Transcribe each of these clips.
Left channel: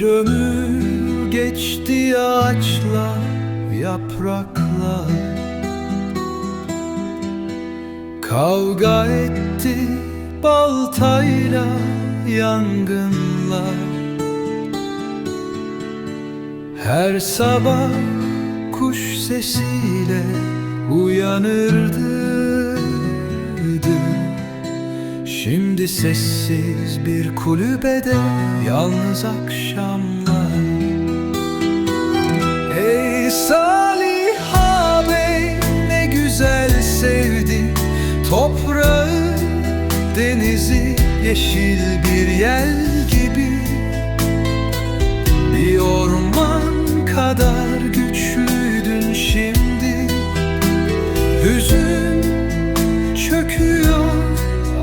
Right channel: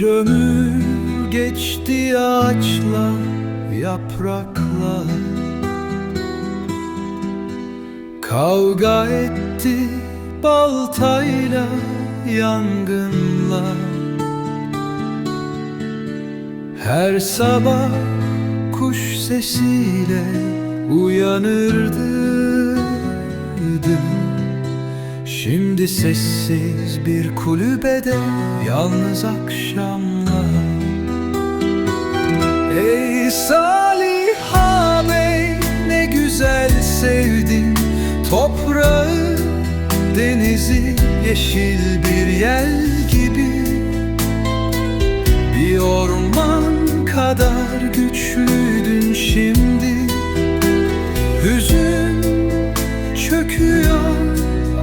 Bir ömür geçti ağaçla yaprakla Kavga etti baltayla yangınla Her sabah kuş sesiyle uyanırdı Şimdi sessiz bir kulübede yalnız akşamlar. Ey Salih ağabey ne güzel sevdin Toprağı, denizi, yeşil bir yel gibi. Bir orman kadar güçlüydün şimdi. Hüzün çöküyor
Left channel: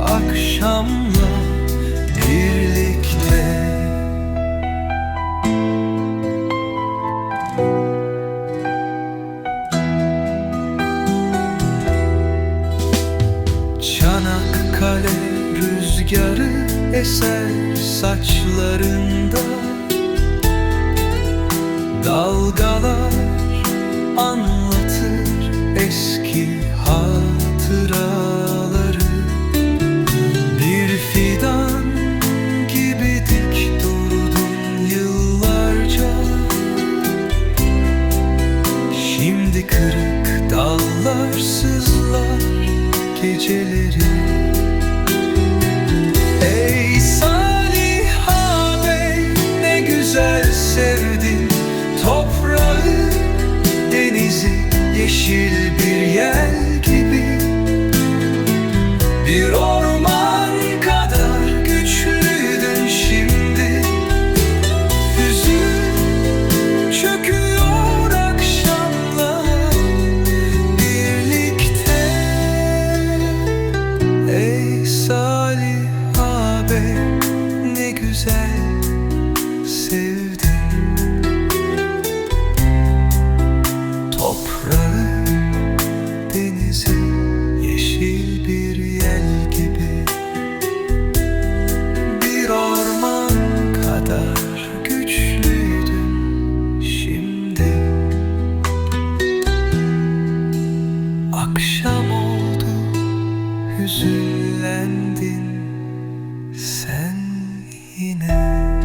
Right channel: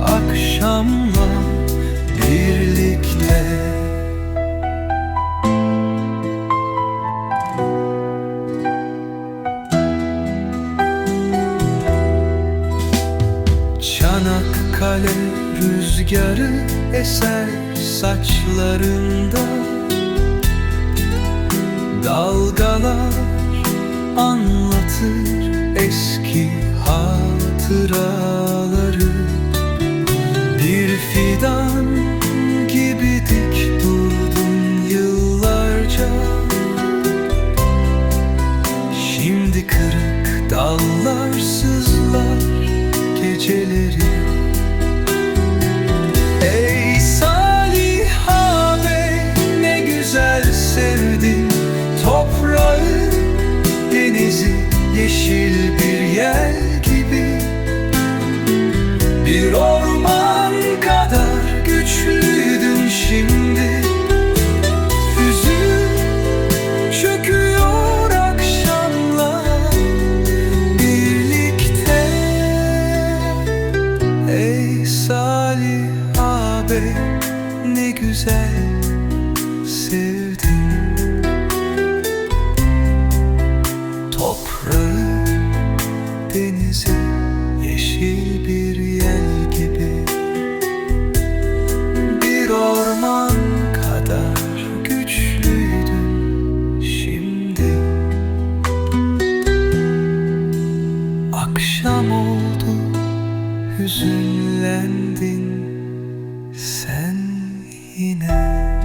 akşamla birlikte. Çanakkale rüzgarı eser saçlarında. Dalgalar anlatır eski hatıraları Şimdi kırık dallar sızlar geceleri. Ey Salih ağabey ne güzel sevdin Toprağı, denizi, yeşil bir yel gibi. Bir orman Salih ağabey ne güzel sevdin Toprağı, denizi, yeşil bir yel gibi. Bir orman kadar güçlüydün şimdi. Akşam oldu, hüzünlendin sen yine